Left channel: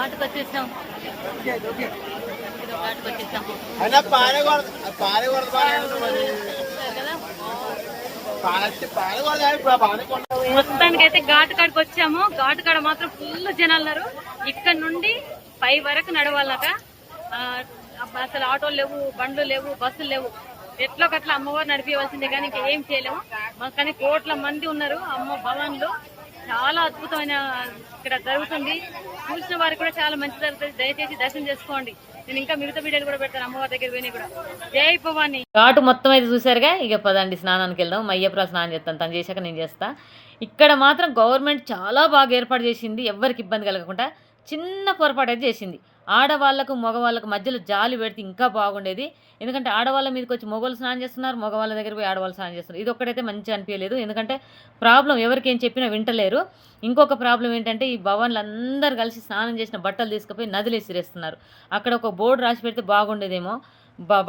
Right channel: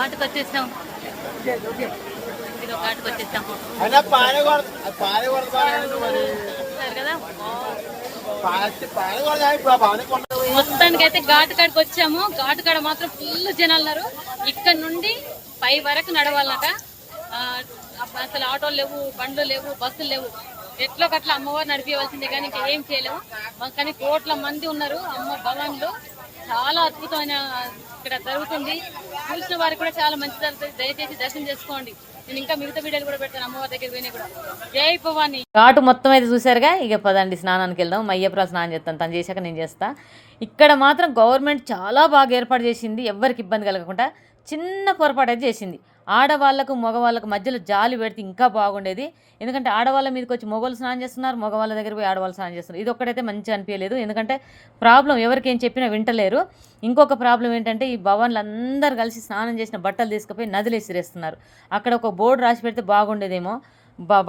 ఘాటుకు వచ్చేసాం. ఇదో ఘాటుకు వచ్చేసాం మొత్తానికి అయితే ఘాటు కాడికి వచ్చాము. ఘాటు కాడ మాత్రం ఫుల్ జనాలు ఉన్నారు. ఇక్కడ నుండి పై వరకు నడవాలట. అసలు ఆటోలు లేవు, బండ్లు లేవు, బస్సులు లేవు. ఎట్లో కట్లా అమ్మవారు నడిపించవలసిందే కానీ ఇంకా ఏం చేయలేము. కానీ కోట్ల మంది ఉన్నారు. అమ్మ భవన్లు చాలా అద్భుతమైన ఇక్కడ జరుగుతుంది. చూసిన వారికి కూడా చాలా మంచి జరుగుతుంది. దయచేసి దర్శనం చేసుకోండి. నేను ఇంకా మిగతా వీడియోలు కూడా పెడతాను అమ్మవారి దగ్గర పోయినా కూడా. జై భవాని. ఘాటు మొత్తం అయితే చూసారుగా. ఇక పదండి స్నానానికి వెళ్దాం. మా అయ్యప్పరాలు స్నానం చేస్తాను, తను చేశాక నేను చేస్తా. ఇక్కడ మాత్రం గవర్నమెంట్ చాలా బాగా ఏర్పాటు చేసింది. ఎవరికి ఇబ్బంది కలగకుండా. చిన్న పొరపాటు అయితే చేసింది. ఆడవాళ్లకు మగవాళ్ళకు మధ్యలో జాలి పెడితే ఇంకా బాగుండేది. ఎందుకంటే ఆడవాళ్ళ మీదకి వచ్చి మగవాళ్ళు స్నానం చేస్తున్నారు, మగవాళ్ళ దగ్గర పోయి ఆడవాళ్ళు స్నానం చేస్తున్నారు. ఇది ఒక్కటైతే మంచిగా అనిపించలేదు. ఎందుకంటే ప్రాబ్లం ఎవరికి ఏం చెప్పినా వింటలేరు. ఇంకొక ప్రాబ్లం ఏంటంటే ఈ భవన్లు అందరు కలిసి స్నానం చేసిన బట్టలు తీసుకుపోయి నదిలో ఇసిరేస్తున్నారు. అక్కడ ఒక బోర్డు రాసి పెడితే బాగుండేదేమో.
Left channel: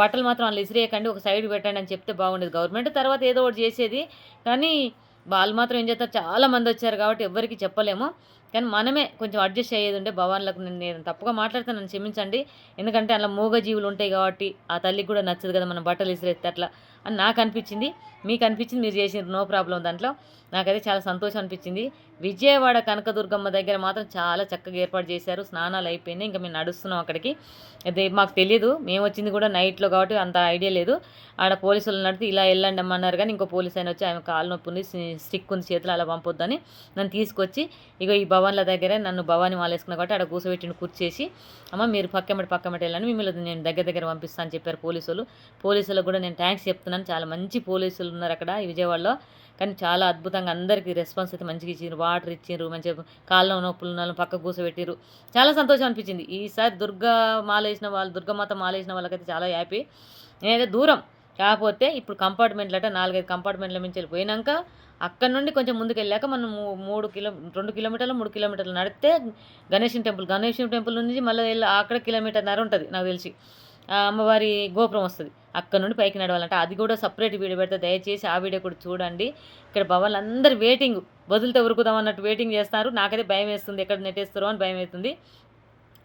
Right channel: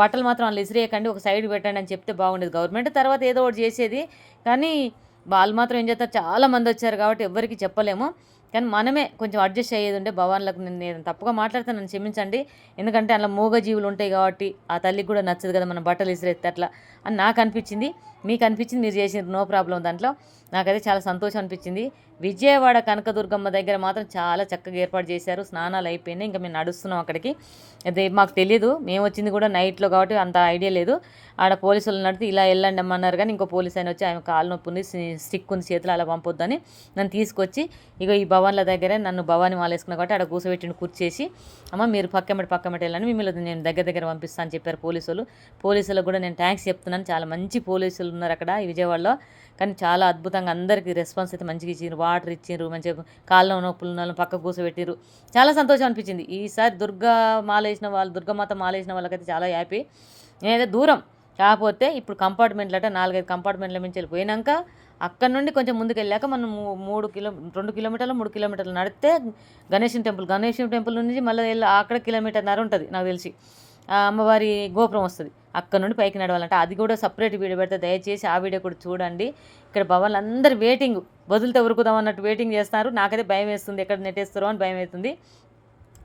బట్టలు మాత్రం వాళ్ళు ఇసిరేయకండి, ఒక సైడ్ పెట్టండి అని చెప్తే బాగుండేది గవర్నమెంట్. తర్వాత ఏదో ఒకటి చేసేది. కానీ వాళ్ళు మాత్రం ఏం చేస్తారు, చాలా మంది వచ్చారు కాబట్టి ఎవరికి చెప్పలేము. కానీ మనమే కొంచెం అడ్జస్ట్ అయ్యేది ఉంటే భవాన్లకు. నేను తప్పుగా మాట్లాడితే నన్ను క్షమించండి. ఎందుకంటే అలా మూగజీవులు ఉంటాయి కాబట్టి ఆ తల్లికి కూడా నచ్చదు కదా మనం బట్టలు ఇసిరేస్తే అట్లా అని నాకు అనిపించింది. మీకు అనిపించింది, మీరు చేసిన నో ప్రాబ్లం దాంట్లో. నాకైతే చాలా సంతోషం అనిపించింది. విజయవాడ కనకదుర్గమ్మ దగ్గర మాత్రం చాలా చక్కగా ఏర్పాటు చేశారు. స్నానాలు అయిపోయినాయి. ఇంకా మేము నడుస్తున్నాం అక్కడికి. అదే మాకు తెలియదు, మేము వచ్చింది కూడా నైట్లో కాబట్టి అంత ఐడియా లేదు. ఆడ పోలీసులు నడితే ఇలా వెళ్ళండి అమ్మన్నారు. కానీ ఇంకో పోలీస్ ఆయన వచ్చి ఆమె కాలు నొప్పి ఉంది, స్టిక్ ఉంది చేతులు, అలా పంపొద్దని నన్ను తీసుకొచ్చి ఇగో ఈ భవన్ల దగ్గరే నన్ను భవాని మాలేసుకున్నా కాబట్టి ఆడ కూర్చోబెట్టిన కూర్చేసి, అమ్మ మీరు పక్కమటి వెళ్ళండి, మిమ్మల్ని నేను దగ్గర పంపిస్తాను అని చెప్పారు పోలీసులు. పోలీసులకు కూడా నేను థ్యాంక్స్ చెప్తున్నాను. చాలా మంచి పోలీసులు ఉన్నారు అక్కడ ఈ విజయవాడలో. కానీ చాలా అద్భుతంగా అందరికీ రెస్పాన్స్ అయితే మంచిగా ఇచ్చారు. వాటర్ ఇచ్చారు, మంచిగా కాళ్ళ నొప్పులు ఉన్న పక్కకు కూర్చోబెట్టారు. చాలా సంతోషం అనిపించింది. ఈసారి దుర్గమాత మాలేసిన వాళ్ళకైతే చాలా హ్యాపీ. నేనైతే దూరం కాకపోతే ఇప్పుడు కంపార్ట్మెంట్లట 4-5 కంపార్ట్మెంట్ల మించి వెళ్ళిపోయినాక అక్కడ నుండి కొంచెం ముందుకు వెళ్ళాక మనం 2 కిలోమీటర్లు 3 కిలోమీటర్లు నడిస్తే గణేశం టెంపుల్ నుంచి మళ్ళీ అక్కడ 1.5 కిలోమీటర్ ఉంటుంది నాకు తెలిసి. అమ్మవారి గోపురం వస్తుంది. అక్కడ నుండి పైకి నడవాలంటే అది కూడా సపరేట్ వీడియో పెడితే దయచేసి ఆ వీడియో కూడా చూడండి. ఇక్కడ భవన్లు అందరు వెయిటింగ్, వదిలితే ఉరుకుదాం అన్నట్టు వెయిటింగ్ చేస్తున్నారు. నాకైతే భయం వేస్తుంది, ఎక్కడ నెట్టేస్తారో అని భయం అవుతుంది.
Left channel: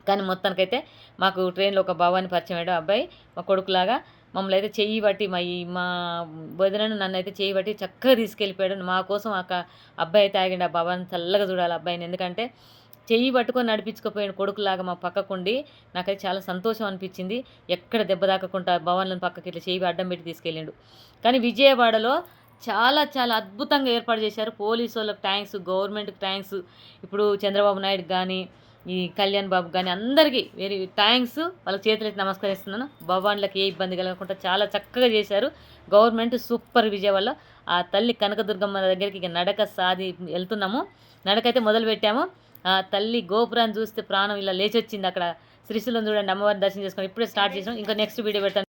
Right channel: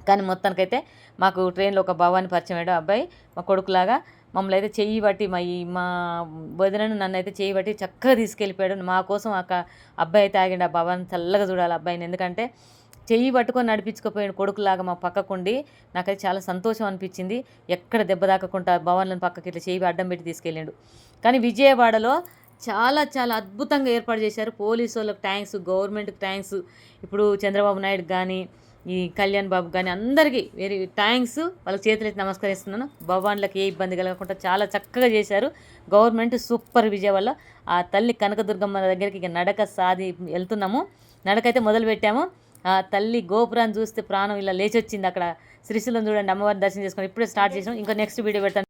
కానీ మొత్తానికైతే మాకు ట్రైన్లో ఒక భవాని పరిచయం అయ్యాడు అబ్బాయి, మా కొడుకులాగా. మమ్మల్ని అయితే చెయ్యి బట్టి మా వదినను నన్ను అయితే చెయ్యి బట్టి చక్కగా తీసుకెళ్ళిపోయాడు. మా కోసం అబ్బాయి అయితే ఆగిండు. ఆ భవాని చల్లగా చూడాలి అబ్బాయిని. ఎందుకంటే చెయ్యి పట్టుకొని నడిపించుకుపోయిన కొడుకులాగా మా పక్కకుండి నాకైతే చాలా సంతోషం అనిపించింది. ఎక్కడ దెబ్బ తాకకుండా భవన్లను పక్కకి ఇట్లా చెయ్యి అడ్డం పెట్టి తీసుకెళ్ళిండు. కానీ విజయవాడలో చాలా చాలా అద్భుతంగా ఏర్పాటు చేశారు. పోలీసు వాళ్ళకి థ్యాంక్స్, గవర్నమెంట్కి థ్యాంక్స్. ఇప్పుడు చంద్రబాబు నాయుడు కానీ ఈ కళ్యాణ్ బాబు కానీ అందరికీ వెరీ థ్యాంక్స్. వాళ్ళకి చేతులైతే నమస్కరిస్తున్నాను. భవాన్లకు ఏ ఇబ్బంది కలగకుండా చాలా చక్కగా చేశారు గవర్నమెంట్. సూపర్. విజయవాడలో ఆ తల్లి కనకదుర్గమ్మ దగ్గరికి ఇక నడక వెళ్తున్నాము. నడకైతే మొదలు పెట్టాము. ఆ తల్లి గోపురాన్ని చూస్తే ప్రాణం ఇలా లేచొచ్చింది. అక్కడ శ్రీశైలం చూడండి, అమ్మవారిని దర్శనం చేసుకొని ఇప్పుడే స్టార్ట్ చేసాం. ఇంకా నెక్స్ట్ వీడియో పెడతాను.